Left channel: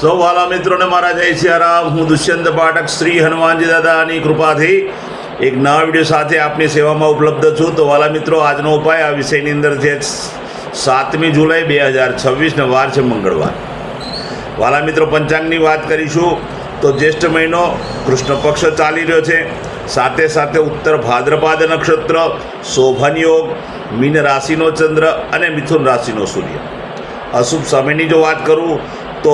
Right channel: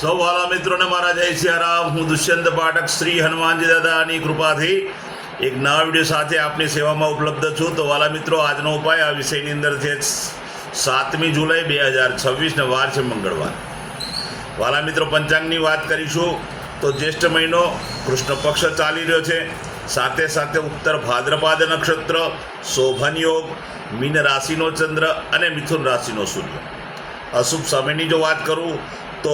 સૌ વાલા મિત્રોને મારા જય સિયારામ. હું દુષ્યંત પાઠક શ્રી હનુમાનજી દાદાની કૃપાથી એક નવા વિડીયો સાથે આપની સેવામાં ઉપલબ્ધ છું. તો વાલા મિત્રો, આજનો ઉપાય આ વિષયની અંદર છે 7મી જુલાઈ 2026 વાર છે મંગળવાર. વાલા મિત્રો, પંચાંગની વાત કરીશું તો જ્યેષ્ઠ મહિનો કૃષ્ણ પક્ષ ચાલી રહ્યો છે. સાથે સાથે ઉત્તર ભાદ્રપાદ નક્ષત્ર, શોભન યોગ, મીન રાશિનો ચંદ્ર અને મિથુન રાશિનો સૂર્ય. અશુભ સમયની જો વાત કરું તો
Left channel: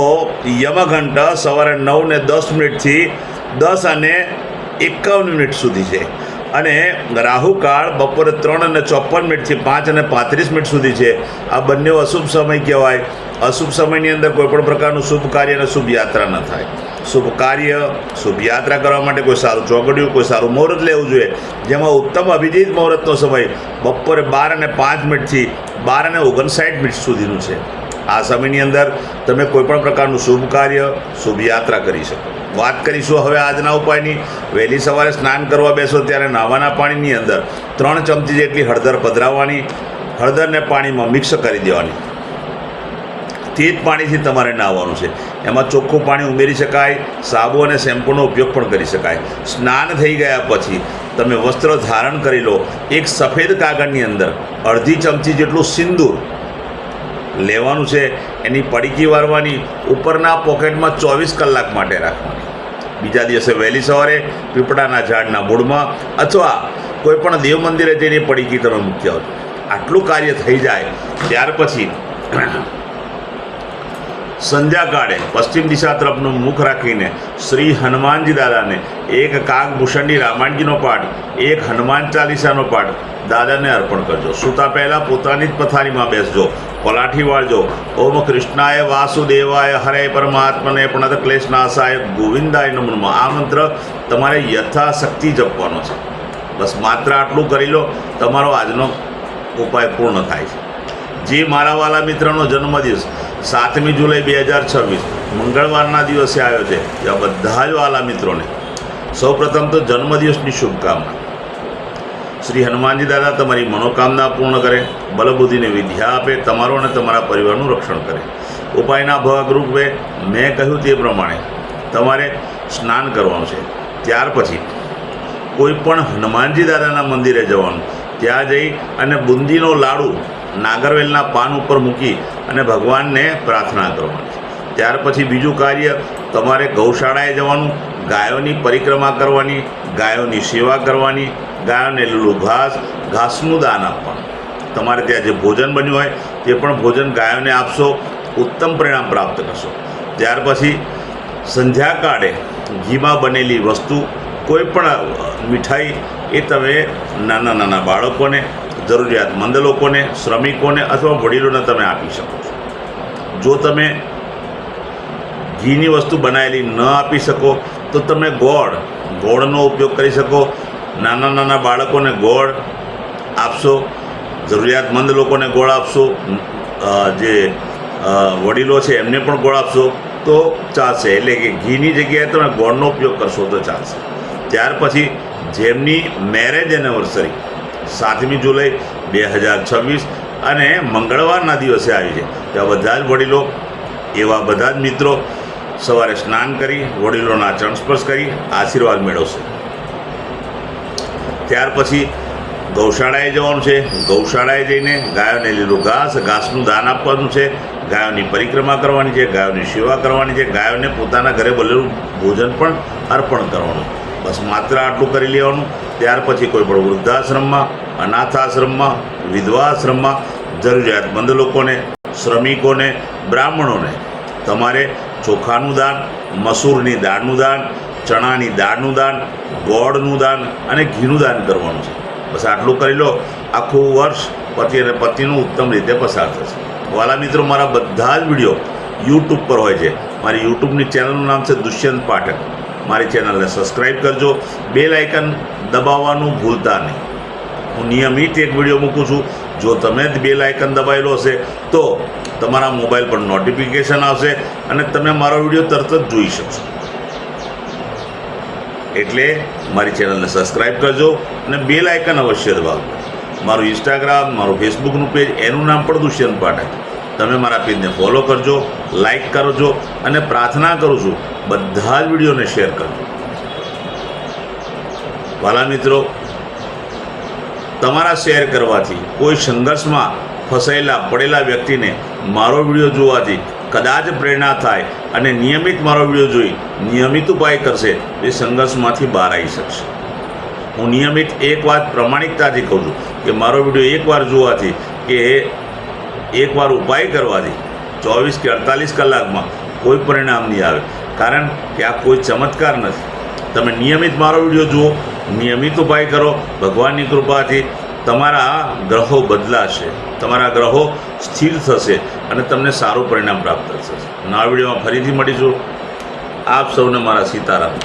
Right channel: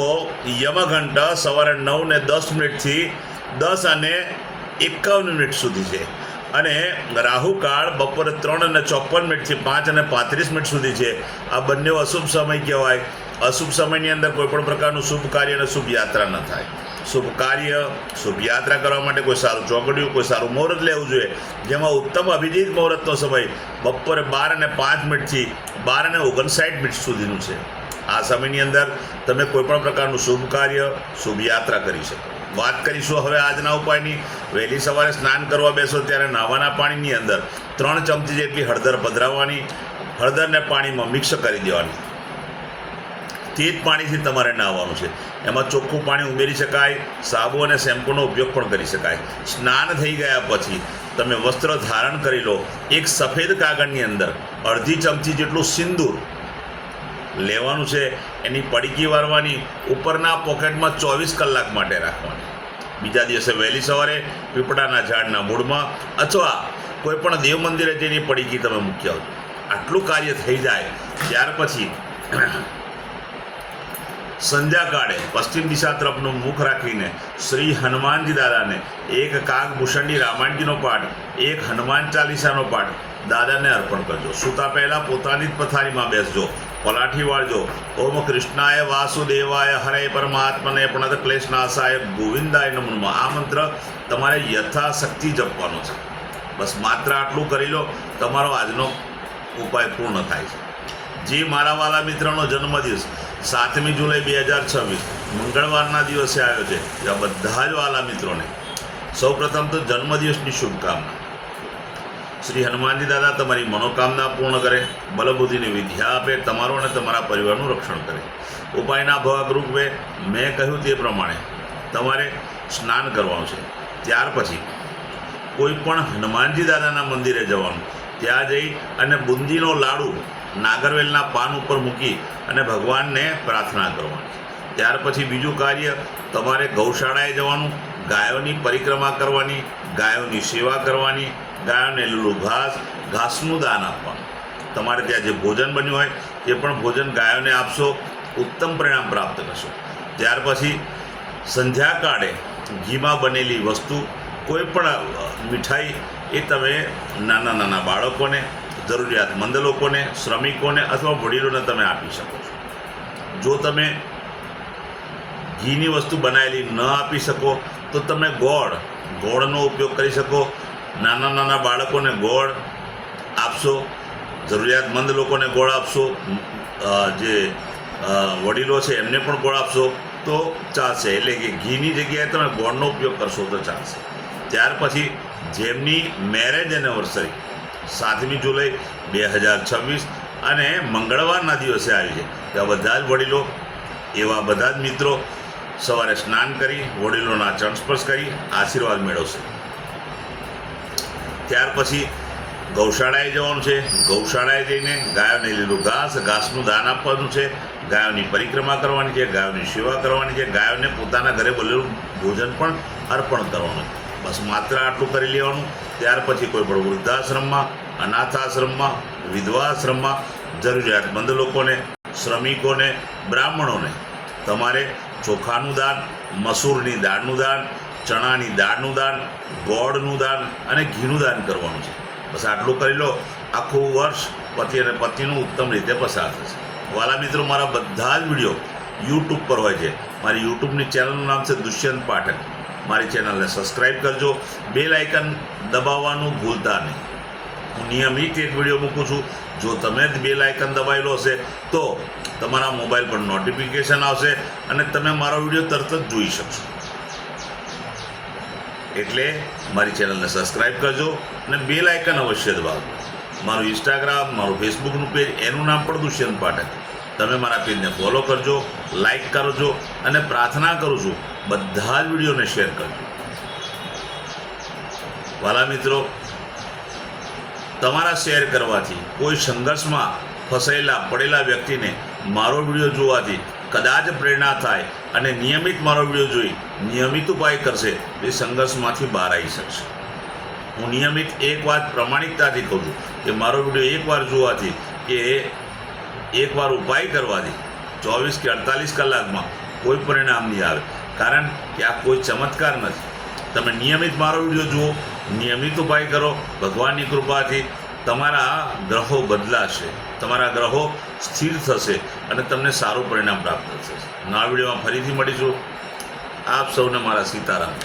યમઘંટ સવારે 9:10 10 અને 51 સુધી છે અને રાહુકાળ બપોરે 3:54 5 અને 35 સુધી છે. આ બંને અશુભ સમય કહેવાય. અશુભ સમયની અંદર કોઈપણ પ્રકારનું શુભ કાર્ય અને શુભ યાત્રા ન થાય. શુભ કાર્ય, શુભ યાત્રા કરવા માટે કોઈ સારું ચોગડિયું, કોઈ સારું મુહૂર્ત લેવું જોઈએ, જેમાં ઉત્તમ અભિજીત મુહૂર્તનો સમય બપોરે 12:05 12:59 સુધીનું છે. આ સમયની અંદર તમે કોઈપણ પ્રકારનું શુભ કાર્ય, શુભ યાત્રા કરી શકો. વાત કરીશું હવે આજના ઉપાયની. વહેલી સવારે સ્નાન કરવા બેસો ત્યારે નાવાના પાણીની અંદર 3 ચમચી જેટલી હળદર પધરાવવાની. હળદરને પાણીમાં મિક્સ કરી દેવાની. તે જ પાણીથી તમારે નાહવાનું છે. એમાં ચોખ્ખું પાણી ઉમેરી શકાય. સાબુ અને શેમ્પૂનો ઉપયોગ પણ કરી શકાય. સ્નાન થઈ ગયા પછી તમે વસ્ત્ર ધારણ કરી લો. એક સફેદ કાગળની અંદર અડધી ચમચી જેટલું સિંદૂર લેવાનું છે. એની પડીકી વારવાની, ઉપરના પોકેટમાં 24 કલાક માટે રાખવાની. બીજા દિવસે વહેલી સવારે પીપળાના ઝાડના મૂળમાં અથવા કોઈ પણ દેવ મંદિરે જઈને પડીકી તમે મૂકી આવો. આટલું કાર્ય થઈ જાય ત્યાર પછી સંધ્યાકાળે પશ્ચિમ દિશા તરફનું મુખ રાખીને શ્રી હનુમાનજી દાદાને એક કાગભૂષણની રામાયણજીનો પાઠ, એક હનુમાન ચાલીસાનો પાઠ દાદાને અર્પણ કરજો. સૂતા પહેલાં પોતાની જ પથારીમાં બેસજો, પલાઠી વાળજો. ઓમ કૃષ્ણાય વાસુદેવાય હરે પરમાત્મને પ્रणत ક્લેશનાશાય ગોવિંદાય નમઃ. આ મંત્ર તમારે યથાશક્તિ જપવાનો છે. બસ માત્ર આટલું કરી લો, તમારો આજનો ઉપાય પૂર્ણ થાય છે. જે મારા વાલા મિત્રનો જન્મદિવસ 7મી જુલાઈ 2026 મંગળવારના દિવસે આવ્યો છે, ત્યાં બધા જ વાલા મિત્રોને સૌપ્રથમ તો જન્મદિવસની શુભકામના. શ્રી હનુમાનજી દાદા તમારી મનોકામના પૂર્ણ કરે, બલબુદ્ધિની વિદ્યા આપે, તમારો અને તમારા પરિવારનું રક્ષણ કરે. ઉપાયના ભાગરૂપે મેં કહ્યું તે પ્રમાણે તમારે સ્નાન કરવાનું છે. ત્યાર પછી કોઈ પણ હનુમાનજી દાદાના મંદિરે જવાનું. ત્યાં જઈ અને બુંદીનો લાડુ નાગરવેલના પાન ઉપર મૂકી અને ભગવાનને પ્રાર્થના કરવાની. ત્યાર પછી બીજું કાર્ય, તમારે ગૌશાળાએ જવાનું, ગાયોની પરિક્રમા કરવાની, ગાયોની સેવા કરવાની, ગાયોને લીલું ઘાસનું દાન આપવાનું. તમારે ત્યાં જે ભોજન બન્યું હોય તે પણ ભોજન ગાયોને આપશો, ઉત્તમ પરિણામ પ્રાપ્ત કરશો. ત્યાર પછી સંધ્યાકાળે ઘીમાં બનેલી વસ્તુ, કોઈ પણ મીઠાઈ એ તમે નાના બાળકોને, જરૂરિયાતમંદ લોકોને, શ્રમિકોને અથવા વડીલોને તમે આપી શકો છો. જો તમે ઘીની વસ્તુ બનાવેલી ન આપી શકો તો તમે ગોળનો ઉપયોગ કરી શકો. નાના બાળકોને ગોળ આપશો, જરૂરિયાતમંદ લોકોને ગોળ આપશો, જે વડીલો છે એમને પણ ગોળ આપશો તો ચાલશે. એટલે કે ઘીની જગ્યાએ તમે ગોળનો ઉપયોગ કરશો તો ચાલશે. ત્યાર પછી જેમની મેરેજ એનિવર્સરી 7મી જુલાઈ 2026 અને મંગળવારના દિવસે આવી છે, ત્યાં બધા જ વડીલો, એવા બધા જ મિત્રો સવારે સ્નાન કરી વડીલોના ચરણ સ્પર્શ કરી આશીર્વાદ મેળવશે. ત્યાર પછી ગૌશાળાએ જવાનું છે. ગૌશાળાએ જઈને ગાયોને લીલું ઘાસનું દાન આપવાનું છે, ગાયોની પરિક્રમા કરવાની છે, ગાયોની સેવા કરવાની છે, ગાયોને પોતાના ઘરે બનેલું ભોજન પણ અર્પણ કરવાનું. બસ માત્ર આટલું કરી લેવાનું. ત્યાર પછી કોઈ પણ વૃદ્ધાશ્રમમાં, અનાથાશ્રમમાં, વિધવાશ્રમમાં જરૂરિયાતમંદ લોકોને, શ્રમિકોને, બ્રાહ્મણોને તમારે ચોખાનું દાન, મસૂરની દાળનું દાન, ચણાની દાળનું દાન, ગોળનું દાન અને ઘીનું દાન કરવાનું છે. બસ આટલું કરી લો. આખું વર્ષ પતિ અને પત્નીનું ઉત્તમ રીતે પસાર થશે. વાલા મિત્રો, મારા બધા જ વિડીયો યુટ્યુબ પર હોય છે. મારી યુટ્યુબની ચેનલનું નામ છે દુષ્યંત પાઠક. મારી ચેનલને સબસ્ક્રાઈબ કરજો. બેલ આઇકન દબાવવાનું ભૂલતા નહીં. હું નિયમિત એક વિડીયો મૂકું છું. જો તમે જ બેલ આઇકન દબાવેલો હશે તો તમારા મોબાઈલ પર નોટિફિકેશન આવશે અને તમે મારો વિડીયો તરત જ જોઈ શકશો. એટલે મારી ચેનલને સબસ્ક્રાઈબ કરજો અને બેલ આઇકન અવશ્ય દબાવજો. મારું ઇન્સ્ટાગ્રામ, મારું ફેસબુકનું પેજ, એનું નામ પણ દુષ્યંત પાઠક. તમે મારા પેજને ફોલો કરજો, લાઈક કરજો અને પ્રાર્થના કરું છું બધા જ વિડીયોને શેર કરજો. વાલા મિત્રો, તમારા શેર કરવાથી કોઈ સંઘર્ષમાં ફસાયેલા પડેલા વ્યક્તિને મારો વિડીયો જોવાથી કદાચ પ્રેરણા થાય અને નિયમિત મારો વિડીયો જોઈ નિયમિત ઉપાય કરશે એ સંઘર્ષમાંથી બહાર આવી શકશે. હું નિયમિત એક વાત પ્રમાણિકતાથી કહું છું કે મારો વિડીયો એકવાર જોવાથી કે એકવાર ઉપાય કરવાથી 24 કે 48 કલાકમાં કોઈ પરિણામ નહીં આવે, કારણ કે આ કોઈ ચમત્કાર નથી. તમે નિયમિત મારો વિડીયો જુઓ, નિયમિત ઉપાય કરો, ભગવાનની કૃપાથી તમારા ગ્રહો બદલાશે, તમારા ગ્રહો સ્થિર થશે અને તમને સારું પરિણામ પ્રાપ્ત થશે. નવા વિડીયોમાં ફરીથી મળીશું. આપ સૌને મારા સીતારામ.